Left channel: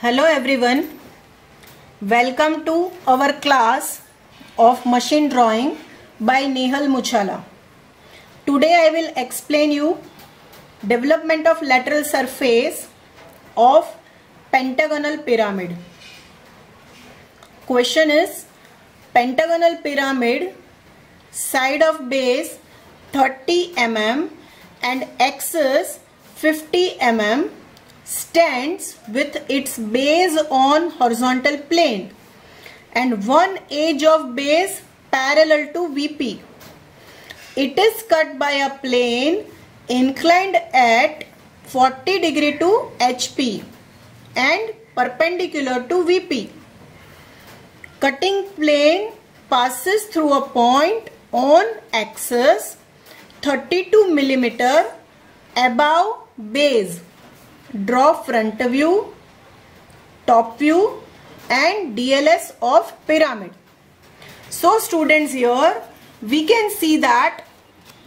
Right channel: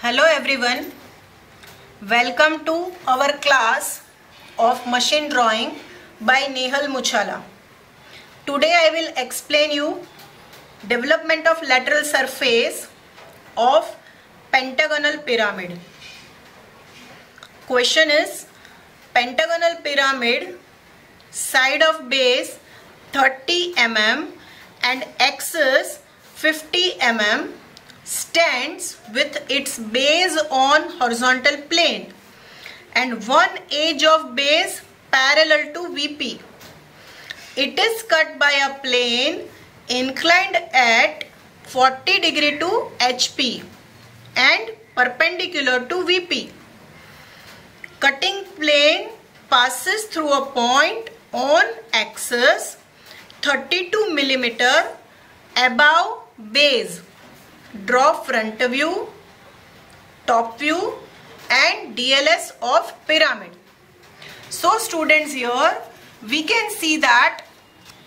Hello everyone, welcome to our class of machine drawing by Nehal Muchala. Today I will explain you development of lateral surface of pentagonal pyramid. Question is, pentagonal pyramid side of base 30 mm and axis 50 mm stands with its base on horizontal plane and one edge of base parallel to VP. It is cut by a plane inclined at 40 degree to HP and perpendicular to VP. Cutting plane passes through a point on axis 32 mm above base. Draw front view, top view and DLS of pyramid. So students, here we can see that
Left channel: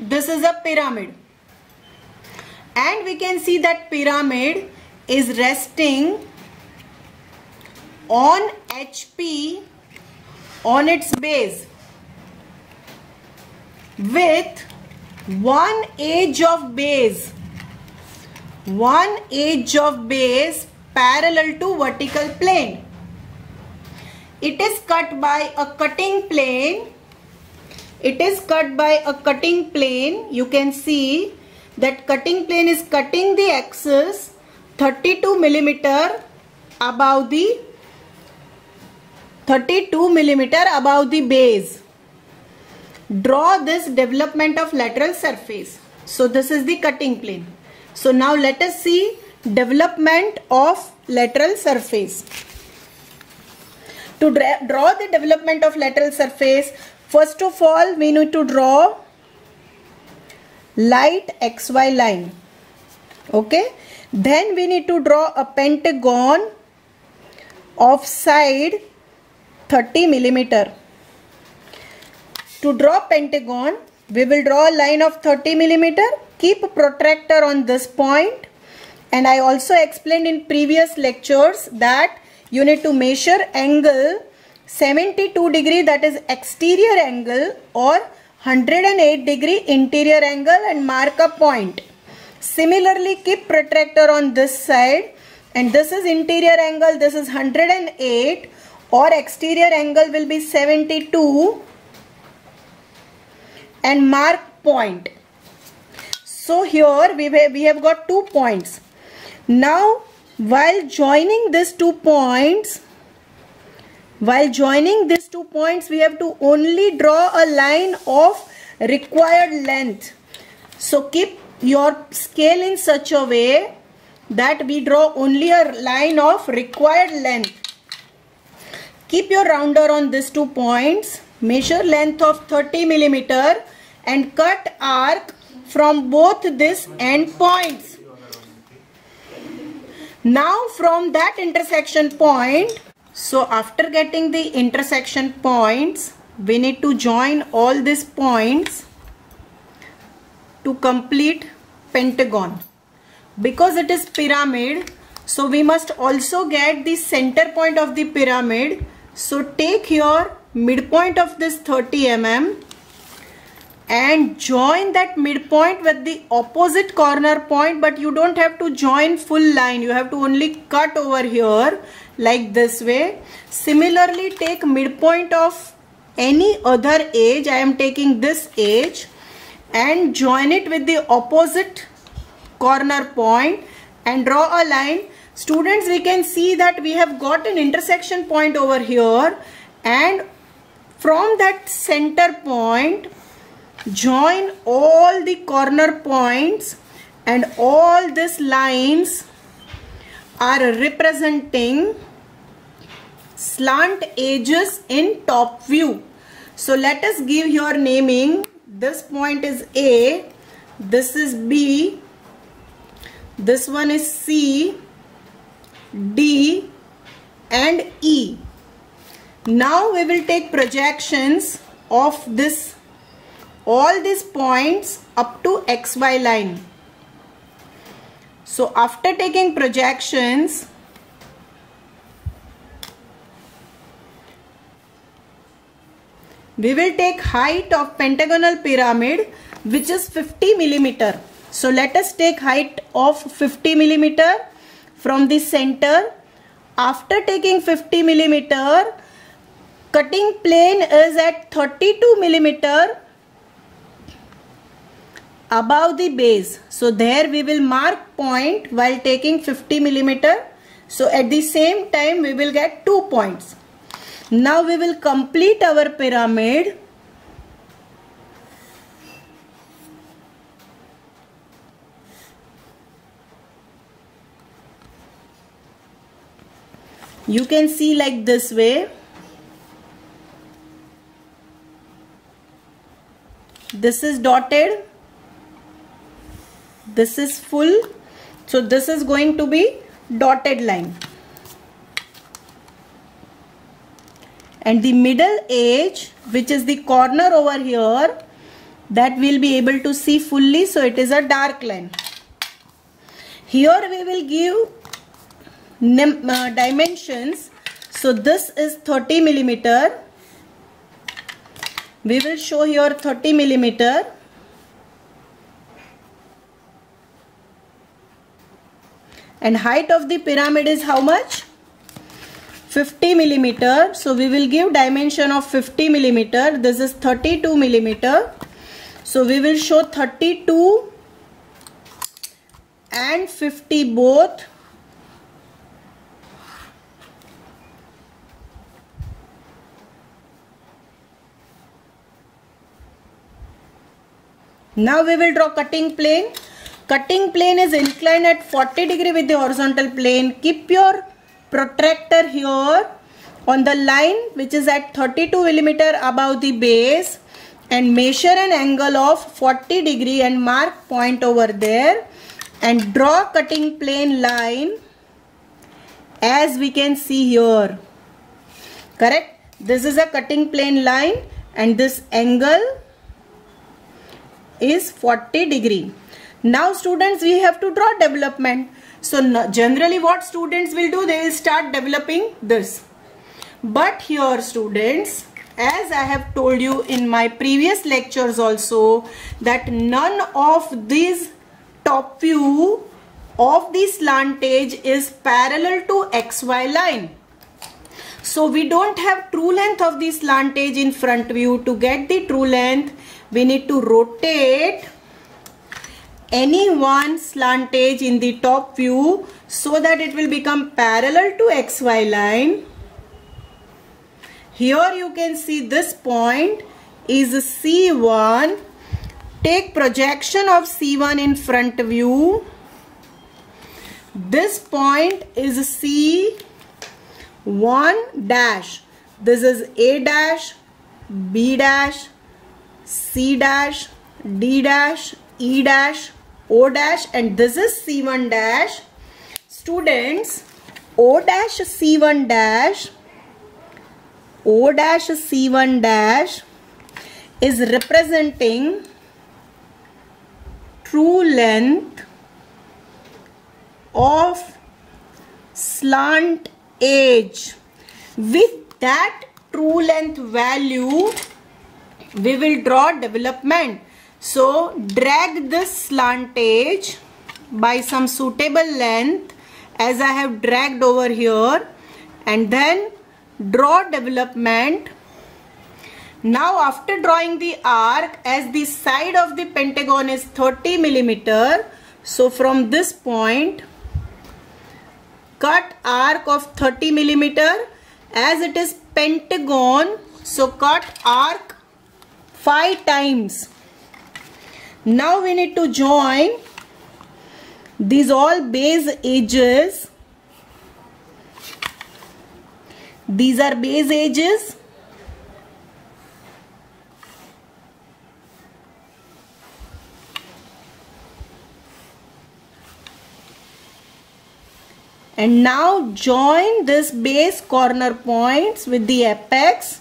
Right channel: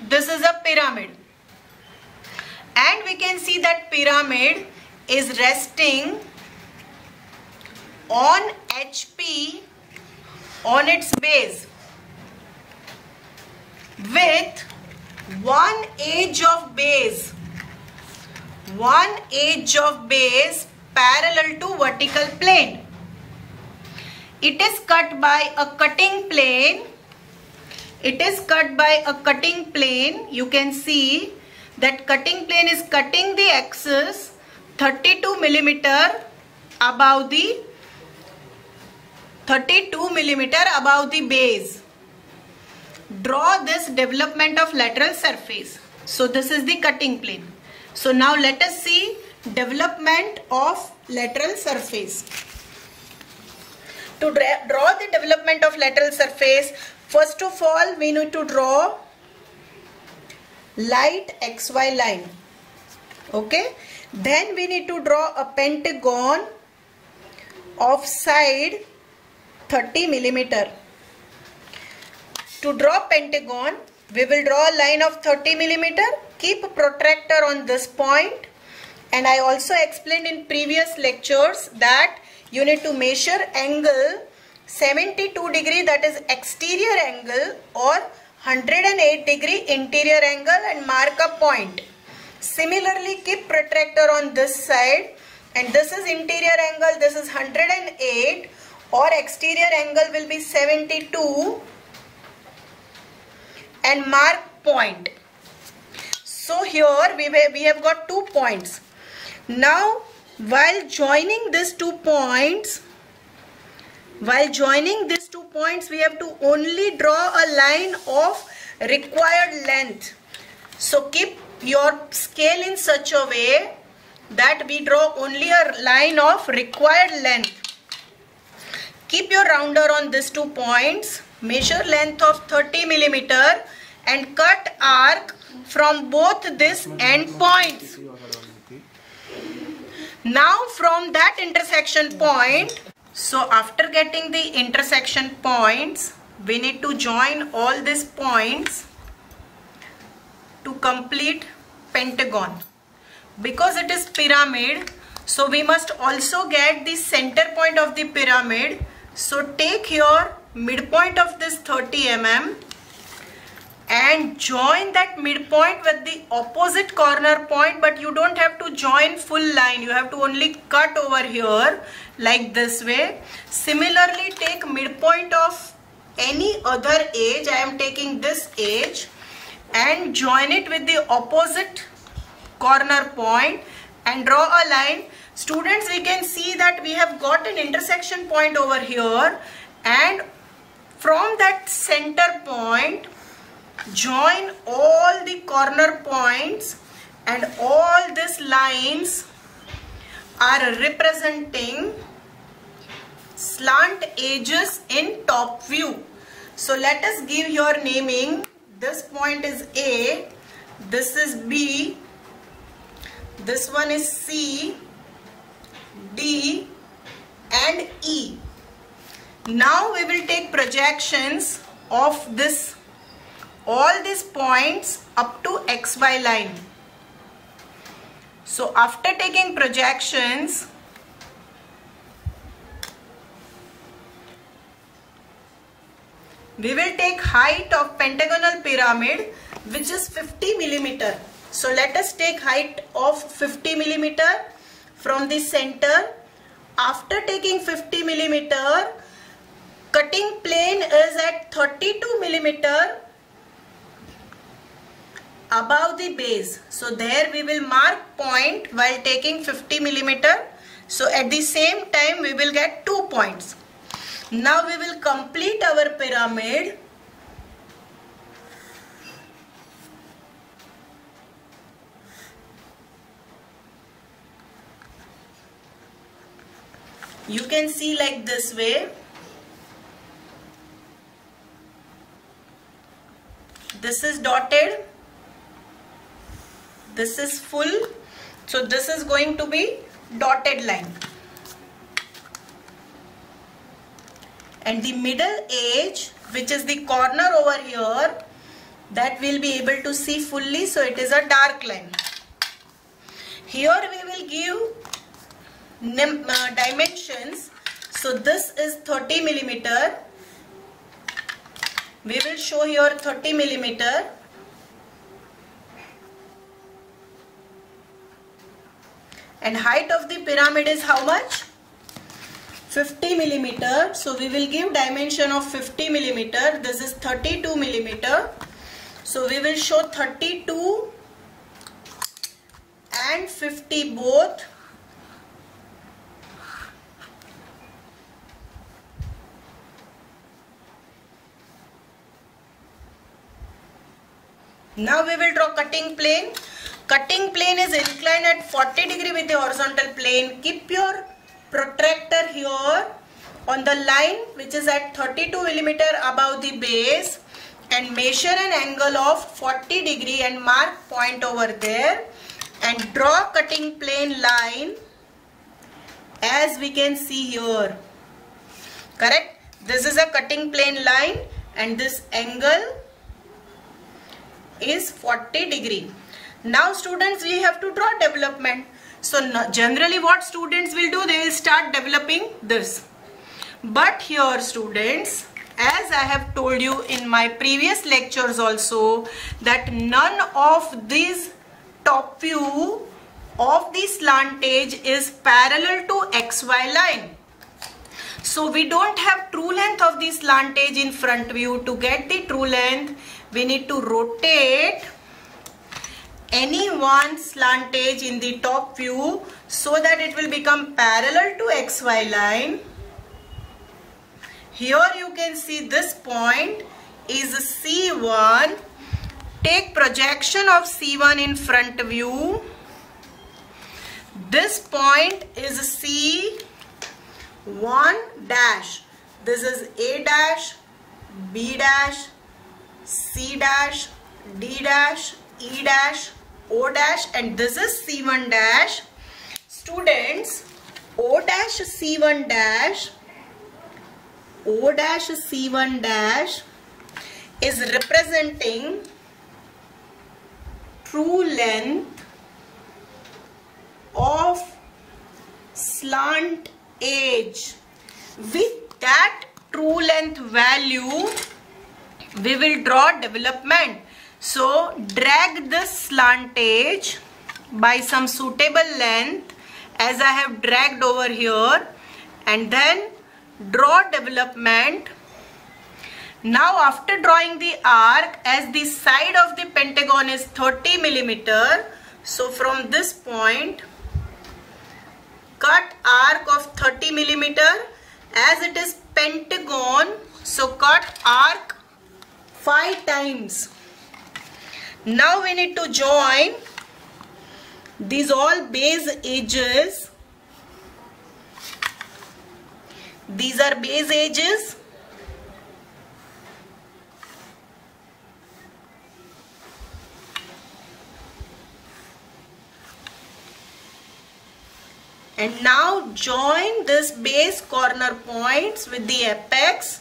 this is a pyramid and we can see that pyramid is resting on HP on its base with one edge of base parallel to vertical plane. It is cut by a cutting plane. You can see that cutting plane is cutting the axis 32 mm above the base. Draw this development of lateral surface. So this is the cutting plane. So now let us see development of lateral surface. To draw the development of lateral surface, first of all we need to draw light XY line. Okay. Then we need to draw a pentagon of side 30 mm. To draw pentagon, we will draw a line of 30 mm. Keep a protractor on this point, and I also explained in previous lectures that you need to measure angle 72 degree, that is exterior angle, or 108 degree interior angle, and mark a point. Similarly, keep protractor on this side, and this is interior angle, this is 108, or exterior angle will be 72, and mark point. So here we have got 2 points. Now while joining these 2 points, we have to only draw a line of required length. So keep your scale in such a way that we draw only a line of required length. Keep your rounder on these 2 points. Measure length of 30 mm and cut arc from both these end points. Now from that intersection point, so after getting the intersection points, we need to join all these points to complete pentagon. Because it is pyramid, so we must also get the center point of the pyramid. So take your midpoint of this 30 mm and join that midpoint with the opposite corner point, but you don't have to join full line, you have to only cut over here like this way. Similarly, take midpoint of any other edge. I am taking this edge and join it with the opposite corner point and draw a line. Students, we can see that we have got an intersection point over here, and from that center point join all the corner points, and all these lines are representing slant edges in top view. So let us give your naming. This point is A, this is B, this one is C, D and E. Now we will take projections of all these points up to XY line. So after taking projections, We will take height of pentagonal pyramid, which is 50 millimeter. So let us take height of 50 millimeter from the center. After taking 50 millimeter, cutting plane is at 32 millimeter above the base. So there we will mark point while taking 50 millimeter. So at the same time we will get 2 points. Now we will complete our pyramid. You can see like this way. This is dotted. This is full. So this is going to be dotted line. And the middle edge, which is the corner over here, that we'll be able to see fully. So it is a dark line. Here we will give dimensions. So this is 30 millimeter. We will show here 30 millimeter. And height of the pyramid is how much? 50 millimeter. So we will give dimension of 50 millimeter. This is 32 millimeter. So we will show 32 and 50 both. Now we will draw cutting plane. Cutting plane is inclined at 40 degree with the horizontal plane. Keep your protractor here on the line which is at 32 millimeter above the base and measure an angle of 40 degree and mark point over there and draw cutting plane line as we can see here. Correct? This is a cutting plane line and this angle is 40 degree. Now students, we have to draw development. So generally what students will do, they will start developing this. But here students, as I have told you in my previous lectures also, that none of these top view of the slant edge is parallel to XY line. So we don't have true length of the slant edge in front view. To get the true length, we need to rotate any one slant edge in the top view so that it will become parallel to XY line. Here you can see this point is C1. Take projection of C1 in front view. This point is C1 dash. This is A dash, B dash, C dash, D dash, E dash, O dash, and this is C1 dash. Students, O dash C1 dash, O dash C1 dash is representing true length of slant edge. With that true length value, we will draw development. So drag this slant edge by some suitable length as I have dragged over here and then draw development. Now after drawing the arc, as the side of the pentagon is 30 millimeter, so from this point cut arc of 30 millimeter. As it is pentagon, so cut arc 5 times. Now we need to join these all base edges. These are base edges. And now join this base corner points with the apex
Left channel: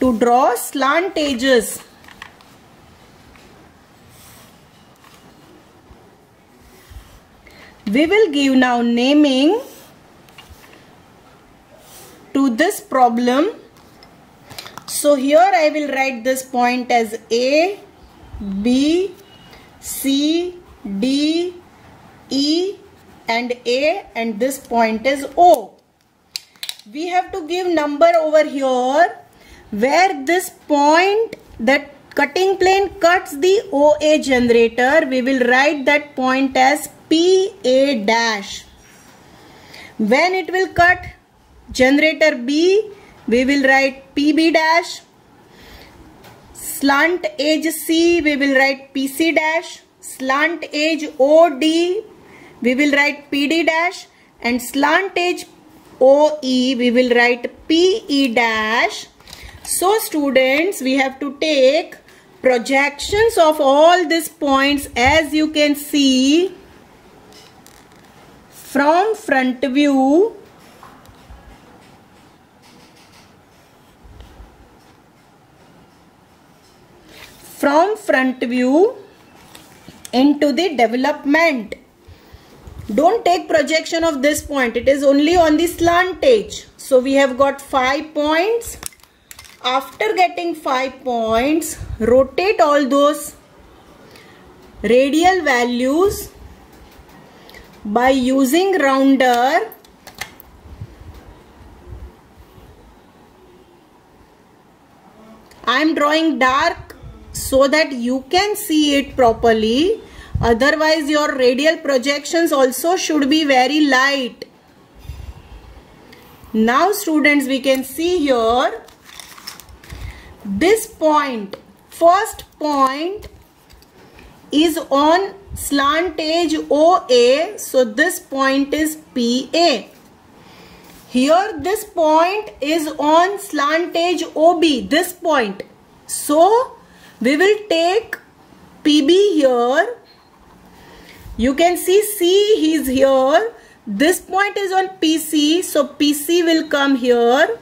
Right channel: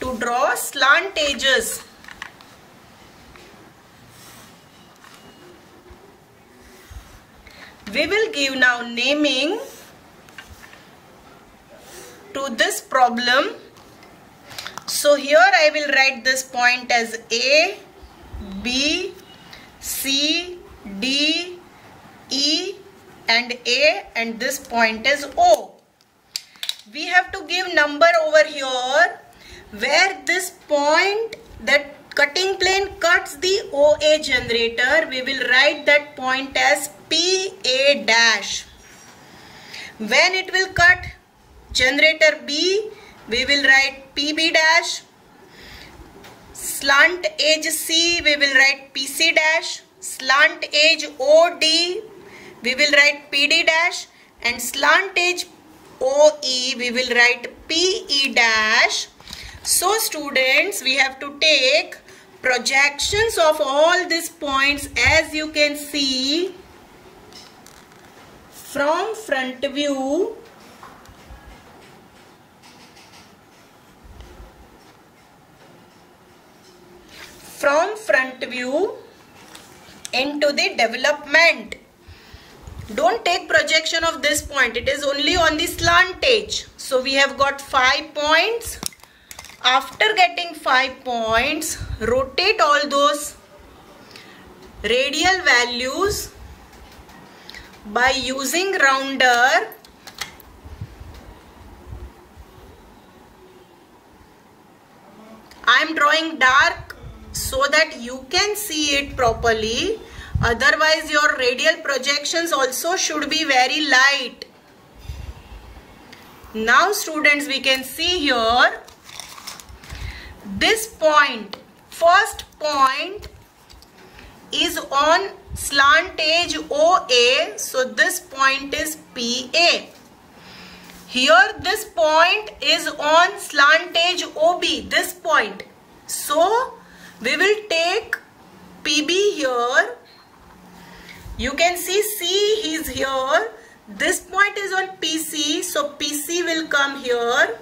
to draw slant edges. We will give now naming to this problem. So here I will write this point as A, B, C, D, E and A, and this point is O. We have to give number over here where this point, that cutting plane cuts the OA generator. We will write that point as PA dash. When it will cut generator B, we will write PB dash. Slant edge C, we will write PC dash. Slant edge OD, we will write PD dash. And slant edge OE, we will write PE dash. So students, we have to take projections of all these points, as you can see from front view. From front view into the development. Don't take projection of this point. It is only on the slant edge. So we have got 5 points. After getting 5 points, rotate all those radial values by using rounder. I am drawing dark so that you can see it properly. Otherwise your radial projections also should be very light. Now students, we can see here this point, first point is on slant edge OA, so this point is PA. Here this point is on slant edge OB, this point. So we will take PB here. You can see C is here. This point is on PC, so PC will come here.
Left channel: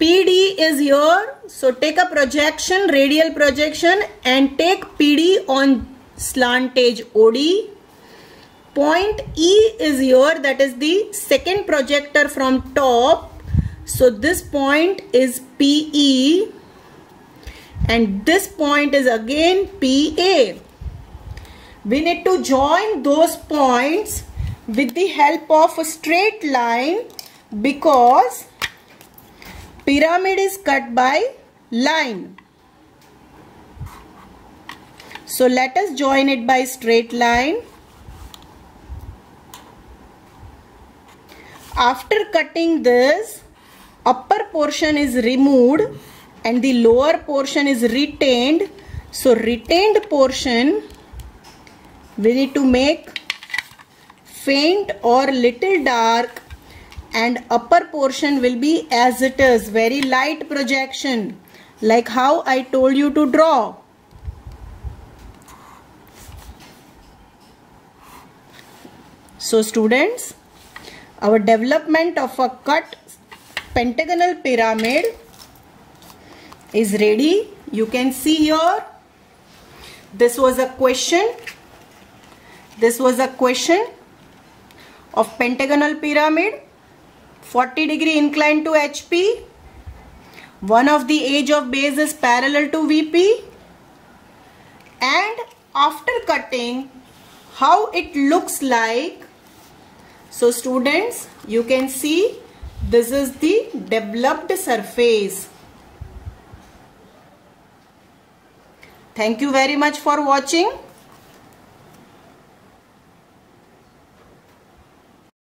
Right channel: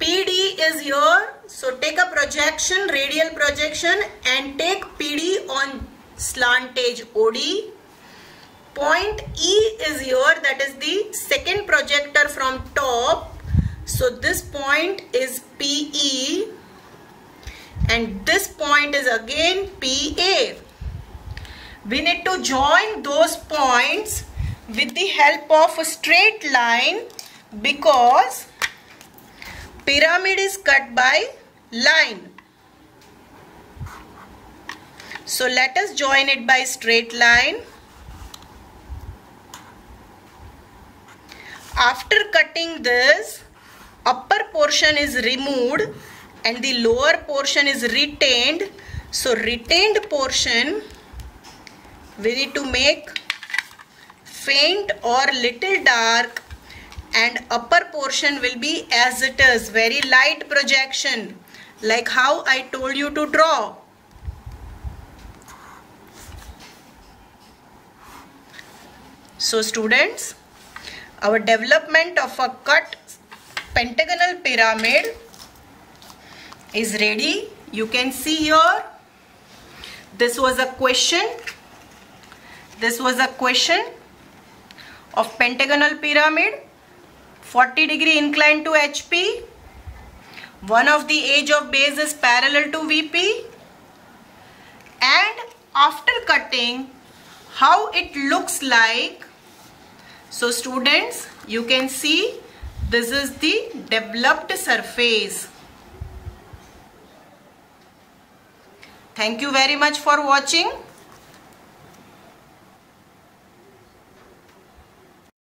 PD is here, so take a projection, radial projection, and take PD on slant edge OD. Point E is here, that is the second projector from top. So this point is PE and this point is again PA. We need to join those points with the help of a straight line because pyramid is cut by line. So let us join it by straight line. After cutting this, upper portion is removed and the lower portion is retained. So retained portion we need to make faint or little dark, and upper portion will be as it is, very light projection, like how I told you to draw. So students, our development of a cut pentagonal pyramid is ready. You can see here, this was a question. This was a question of pentagonal pyramid, 40 degree inclined to HP. One of the edge of base is parallel to VP. And after cutting, how it looks like. So students, you can see this is the developed surface. Thank you very much for watching.